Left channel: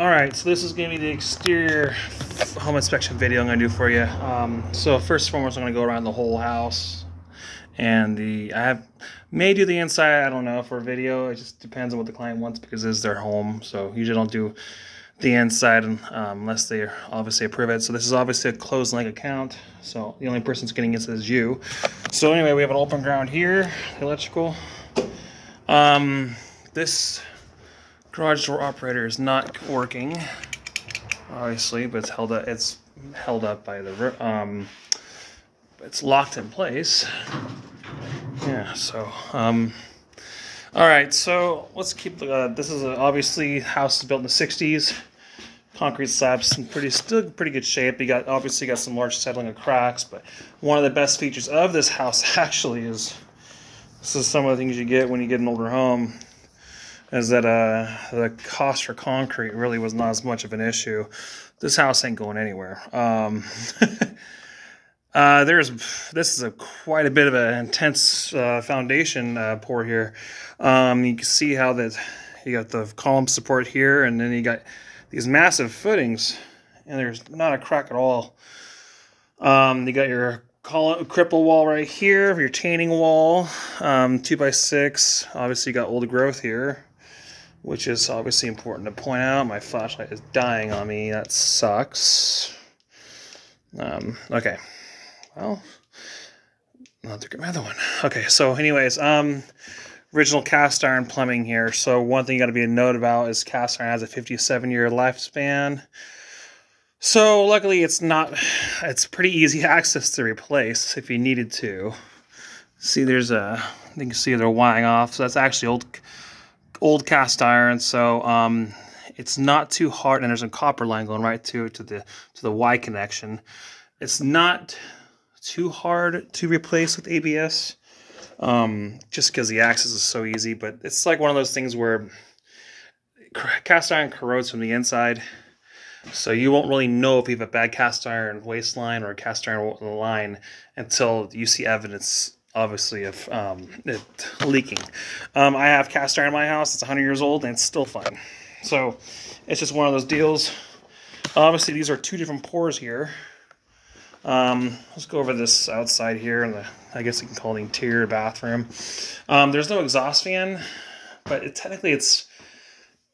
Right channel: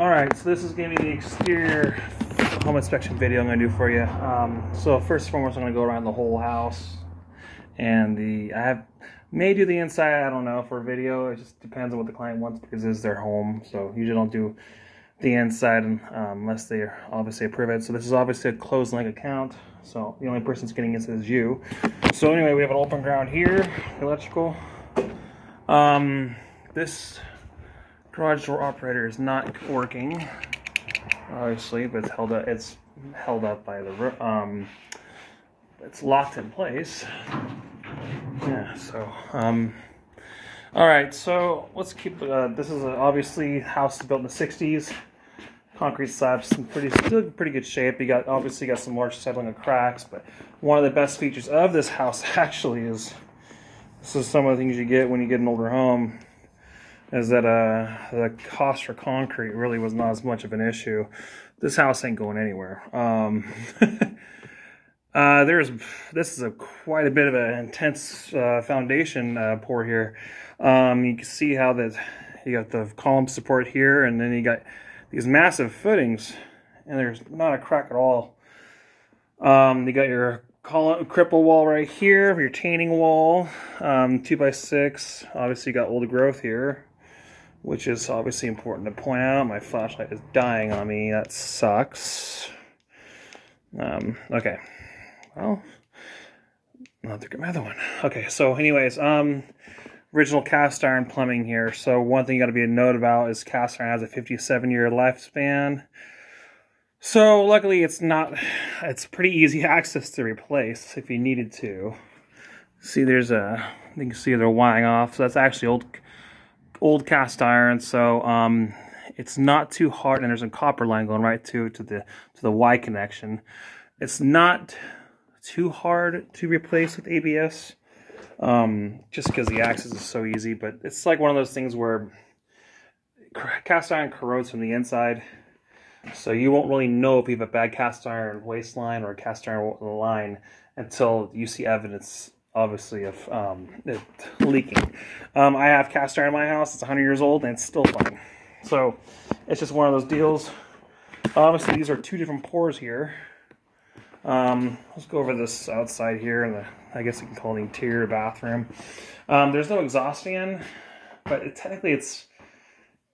Alright, so this is going to be the exterior home inspection video I'm going to do for you. So first and foremost, I'm going to go around the whole house. And may do the inside, I don't know, for a video. It just depends on what the client wants because this is their home. So usually don't do the inside unless they obviously approve it. So this is obviously a closed link account. So the only person that's getting this is you. So anyway, we have an open ground here, electrical. This garage door operator is not working, obviously, but it's held up by the it's locked in place. Yeah. So all right. So let's keep. This is obviously house is built in the '60s. Concrete slabs in still pretty good shape. You obviously got some large settling of cracks, but one of the best features of this house actually is this is some of the things you get when you get an older home. Is that the cost for concrete really was not as much of an issue. This house ain't going anywhere. This is quite a bit of an intense foundation pour here. You can see how you got the column support here, and then you got these massive footings, and there's not a crack at all. You got your cripple wall right here, your retaining wall, 2x6. Obviously, you got old growth here, which is obviously important to point out. My flashlight is dying on me. That sucks. Okay. Well, I'll have to get my other one. Okay, so anyways, original cast iron plumbing here. So one thing you got to be a note about is cast iron has a 57-year lifespan. So luckily it's pretty easy access to replace if you needed to. See, you can see they're wiring off. So that's actually old cast iron, so it's not too hard, and there's a copper line going right to the Y connection. It's not too hard to replace with ABS, just because the access is so easy. But it's like one of those things where cast iron corrodes from the inside, so you won't really know if you have a bad cast iron waistline or a cast iron line until you see evidence, obviously, of it leaking. I have cast iron in my house. It's 100 years old and it's still fine. So it's just one of those deals. Obviously, these are two different pours here. Let's go over this outside here, and I guess you can call it the interior bathroom. There's no exhaust fan, but technically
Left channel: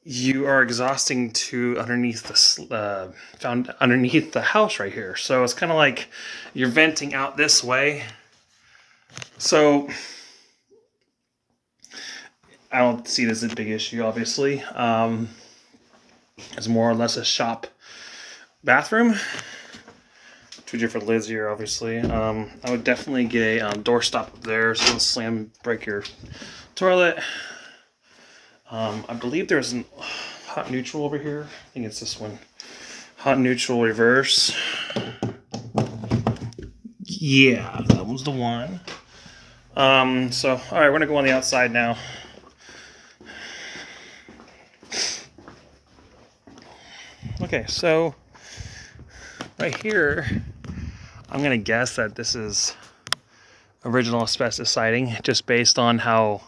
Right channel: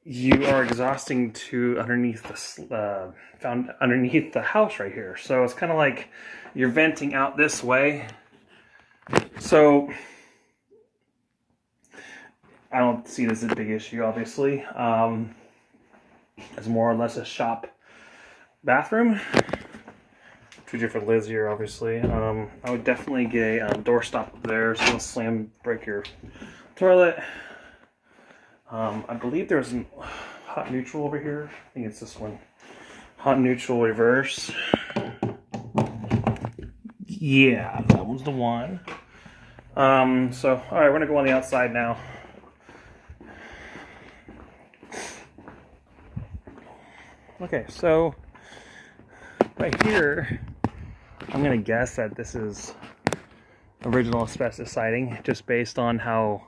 you are exhausting to underneath the house right here. So it's kind of like you're venting out this way. So I don't see this as a big issue, obviously. It's more or less a shop bathroom. Two different lids here, obviously. I would definitely get a door stop up there so you'll break your toilet. I believe there's a hot neutral over here. I think it's this one. Hot neutral reverse. Yeah, that one's the one. So, all right, we're gonna go on the outside now. Okay, so right here, I'm gonna guess that this is original asbestos siding, just based on how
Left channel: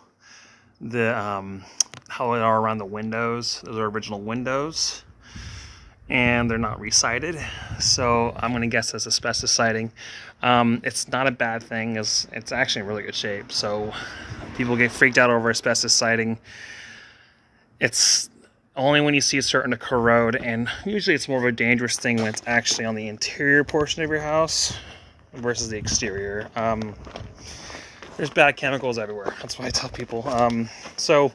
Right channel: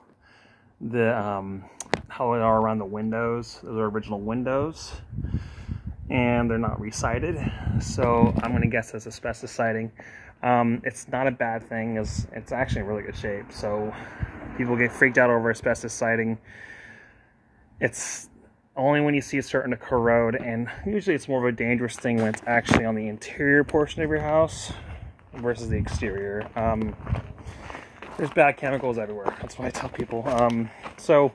how it are around the windows. Those are original windows, and they're not resided. So I'm gonna guess that's asbestos siding. It's not a bad thing, it's actually in really good shape. So people get freaked out over asbestos siding. It's only when you see it starting to corrode, and usually it's more of a dangerous thing when it's actually on the interior portion of your house versus the exterior. There's bad chemicals everywhere. That's why I tell people. So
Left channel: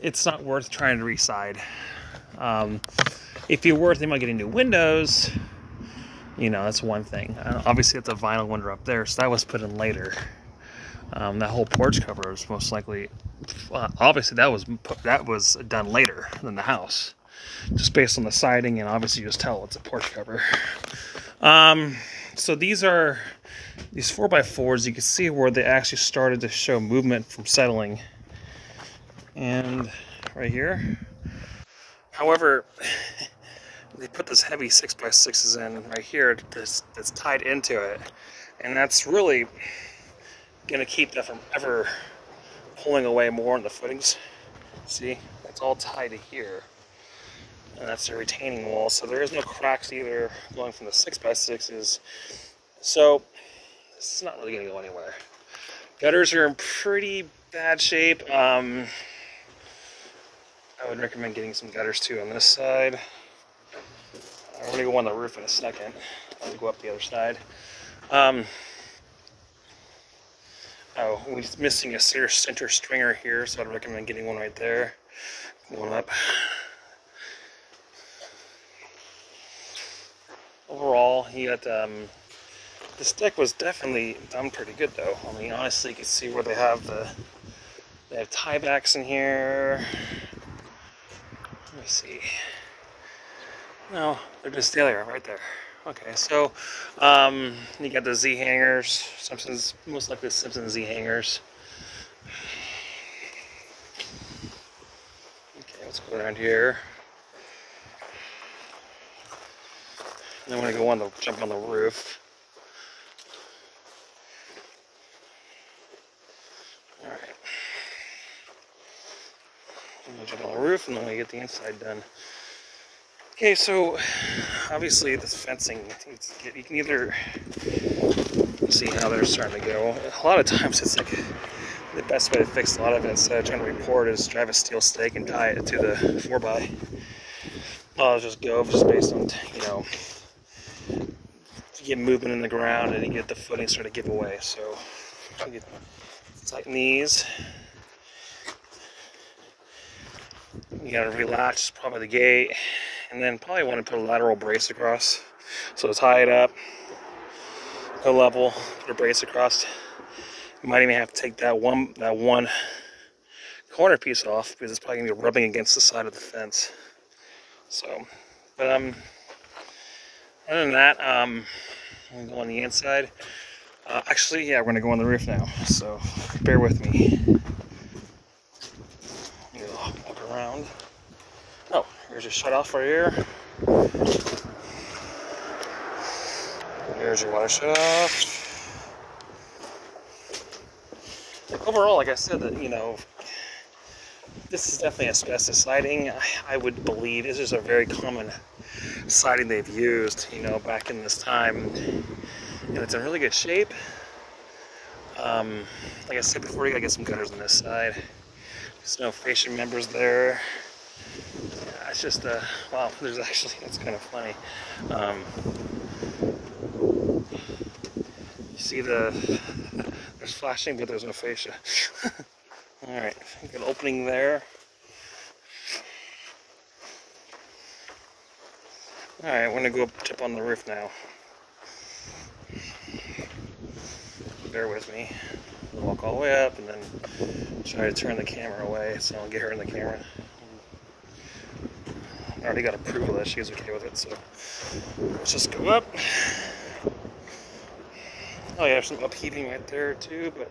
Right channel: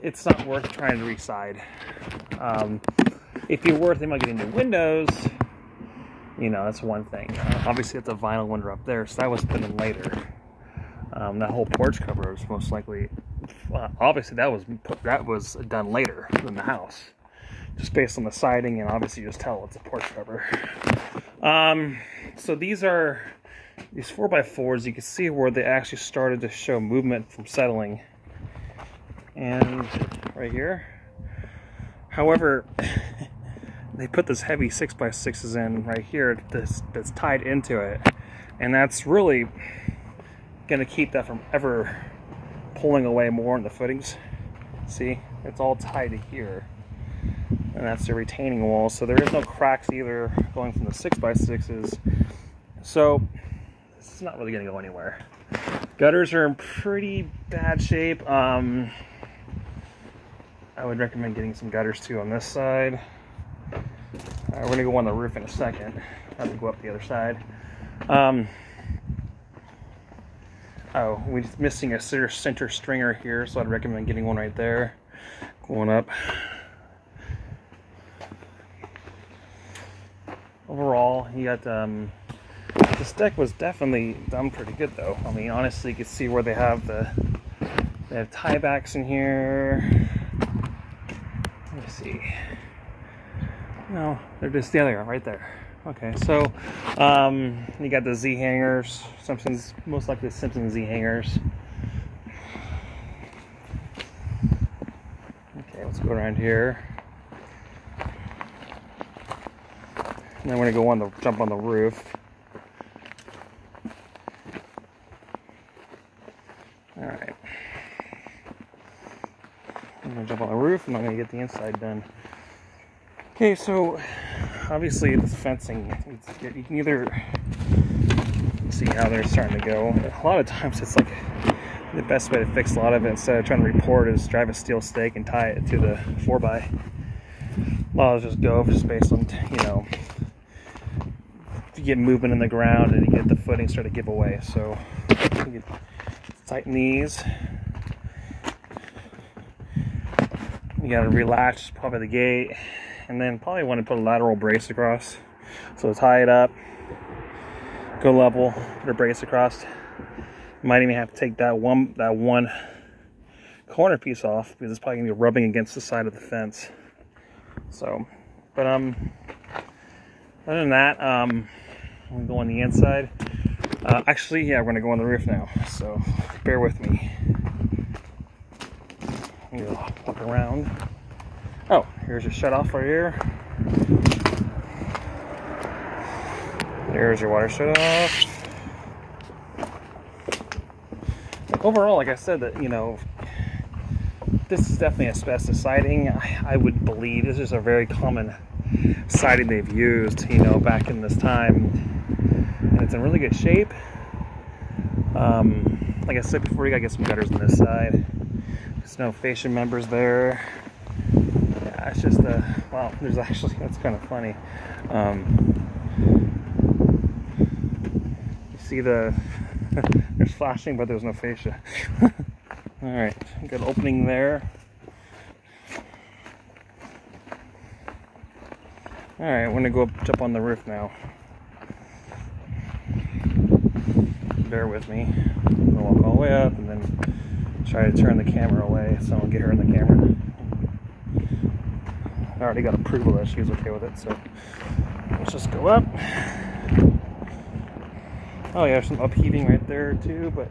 it's not worth trying to reside. If you're worth thinking about getting new windows, that's one thing. Obviously, it's a vinyl window up there, so that was put in later. That whole porch cover was most likely, obviously, that was done later than the house, just based on the siding, and obviously, you just tell it's a porch cover. So these 4x4s. You can see where they actually started to show movement from settling, and right here. However, they put this heavy 6x6s in right here that's tied into it, and that's really going to keep that from ever pulling away more on the footings. See, it's all tied to here. and that's the retaining wall. So there is no cracks either going from the 6x6s. So this is not really going to go anywhere. Gutters are in pretty bad shape. I would recommend getting some gutters too on this side. We're going to go on the roof in a second. I have to go up the other side. Oh, we're missing a center stringer here, so I'd recommend getting one right there. Going up. Overall, he got this deck was definitely done pretty good, though. I mean, honestly, you can see where they have tiebacks in here. Let me see. No, they're just there, right there. Okay, so you got the Z hangers, Simpsons, most likely the Simpsons Z hangers. Okay, let's go around here. And then we're gonna go jump on the roof. All right. I'm gonna jump on the roof, and then I'm gonna get the inside done. Okay, so obviously this fencing, you can either see how they're starting to go. A lot of times it's like the best way to fix a lot of it instead of trying to report is drive a steel stake and tie it to the 4x. Well, I'll just go just based on, you know, you get movement in the ground and you get the footing start to give away. So you tighten these. You gotta relax probably the gate. And then probably want to put a lateral brace across. So tie it up, go level, put a brace across. You might even have to take that one corner piece off because it's probably gonna be rubbing against the side of the fence. So, but other than that, I'm gonna go on the inside. Actually, yeah, we're gonna go on the roof now. So bear with me. You'll walk around. Oh, here's your shut off right here. Here's your water shut off. Overall, like I said, that, you know, this is definitely asbestos siding. I would believe this is a very common siding they've used, you know, back in this time, and it's in really good shape. Like I said before, you gotta get some gutters on this side. There's no fascia members there. It's just wow, there's actually, that's kind of funny. You see there's flashing, but there's no fascia. All right, good opening there. All right, we're gonna go jump on the roof now. Bear with me. I'm gonna walk all the way up and then try to turn the camera away so I don't get her in the camera. I already got approval that she's okay with it, so let's just go up. Oh yeah, there's some upheaving right there too, but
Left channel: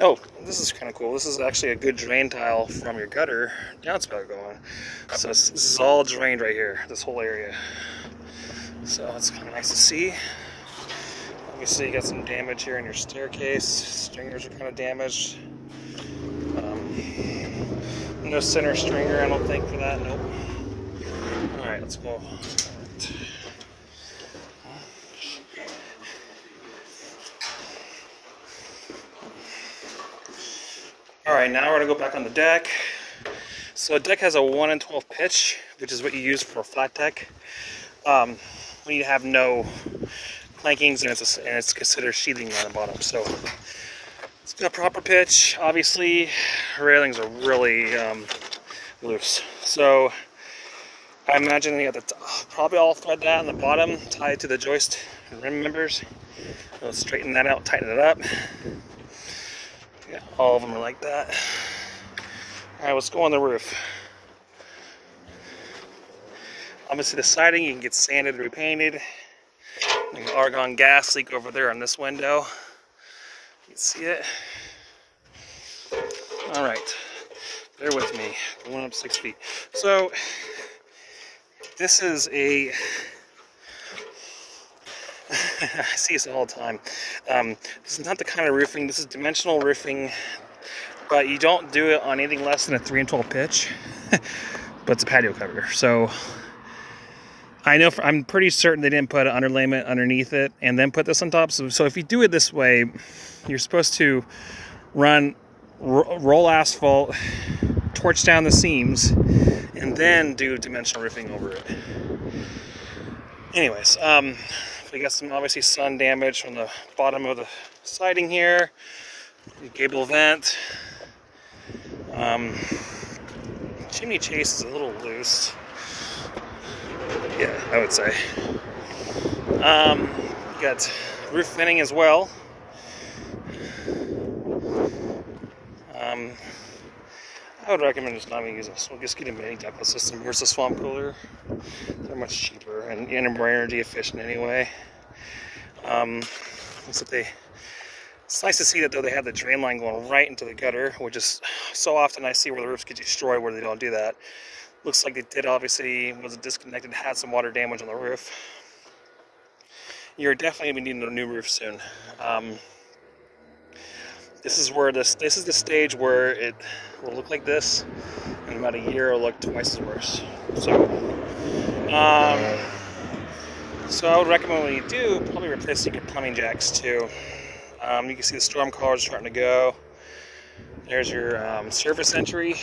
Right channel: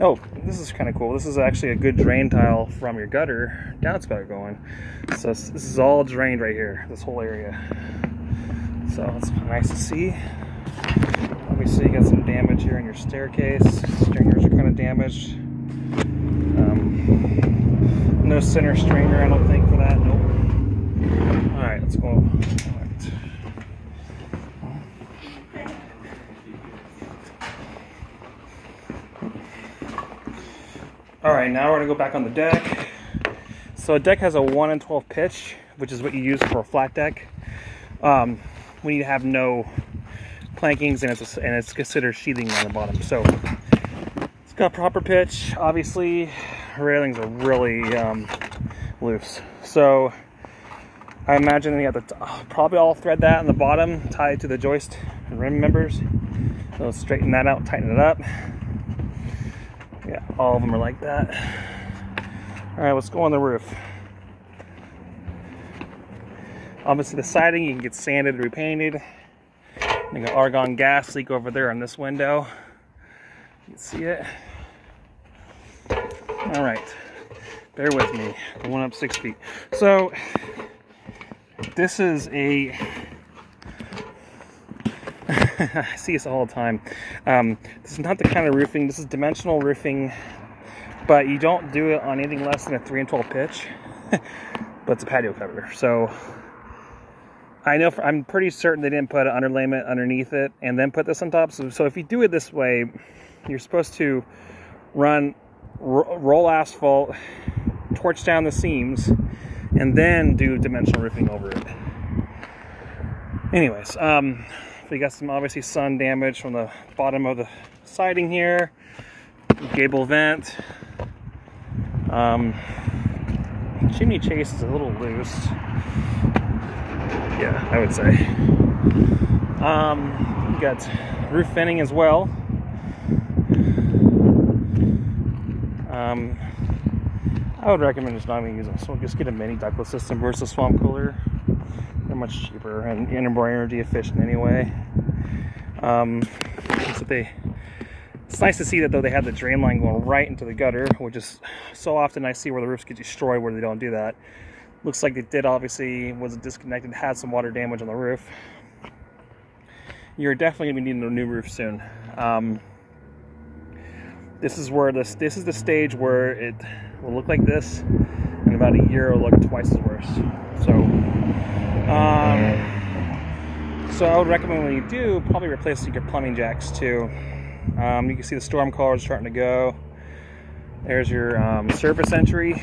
oh, this is kind of cool. This is actually a good drain tile from your gutter downspout going. So this is all drained right here, this whole area. So it's kind of nice to see. Obviously you got some damage here in your staircase. Stringers are kind of damaged. No center stringer, I don't think, for that. Nope. Alright, let's go. Alright. Alright, now we're going to go back on the deck. So a deck has a 1 in 12 pitch, which is what you use for a flat deck. We need to have no plankings, and it's considered sheathing on the bottom. So it's got proper pitch. Obviously, railings are really loose. So I imagine you have to probably all thread that on the bottom, tie it to the joist and rim members. We'll straighten that out, tighten it up. Yeah, all of them are like that. All right, let's go on the roof. Obviously the siding, you can get sanded, repainted. You got argon gas leak over there on this window. You can see it. All right, bear with me. Going up 6 feet. So this is a, I see this all the time. This is not the kind of roofing, this is dimensional roofing, but you don't do it on anything less than a 3 in 12 pitch, but it's a patio cover. So I know, I'm pretty certain they didn't put an underlayment underneath it and then put this on top. So if you do it this way, you're supposed to roll asphalt, torch down the seams, and then do dimensional roofing over it. Anyways, we got some obviously sun damage from the bottom of the siding here, gable vent. Chimney chase is a little loose. Yeah, I would say. You got roof venting as well. I would recommend just not even using this. We'll just get a mini ductless system versus swamp cooler. They're much cheaper and more energy efficient anyway. It's nice to see that though they have the drain line going right into the gutter, which is so often I see where the roofs get destroyed where they don't do that. Looks like they did, obviously, was disconnected, had some water damage on the roof. You're definitely gonna be needing a new roof soon. This is the stage where it will look like this. In about a year, it'll look twice as worse. So I would recommend when you do, probably replacing your plumbing jacks too. You can see the storm colors starting to go. There's your surface entry.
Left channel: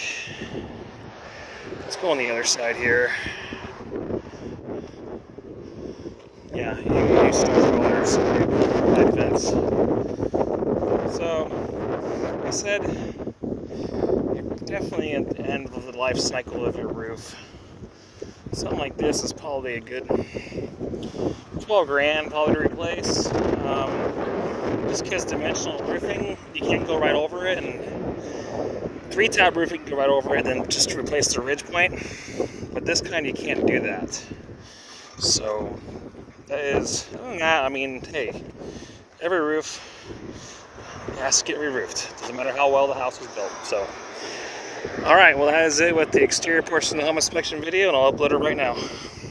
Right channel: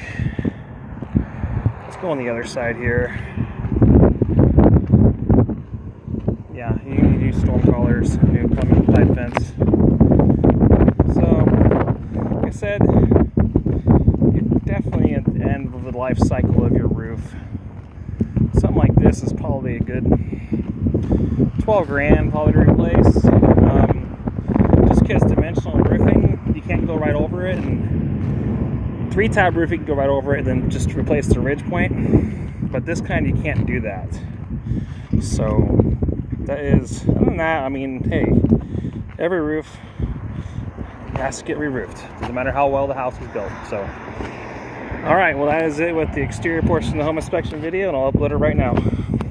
Let's go on the other side here. Yeah, new storm colors, new pipe fence. So, like I said, you're definitely at the end of the life cycle of your roof. Something like this is probably a good 12 grand probably to replace. Just because dimensional roofing, you can't go right over it, and 3-tab roofing you can go right over it and then just replace the ridge point. But this kind you can't do that. So that is, other than that, I mean, hey, every roof has to get re-roofed. Doesn't matter how well the house was built. So, all right, well that is it with the exterior portion of the home inspection video, and I'll upload it right now.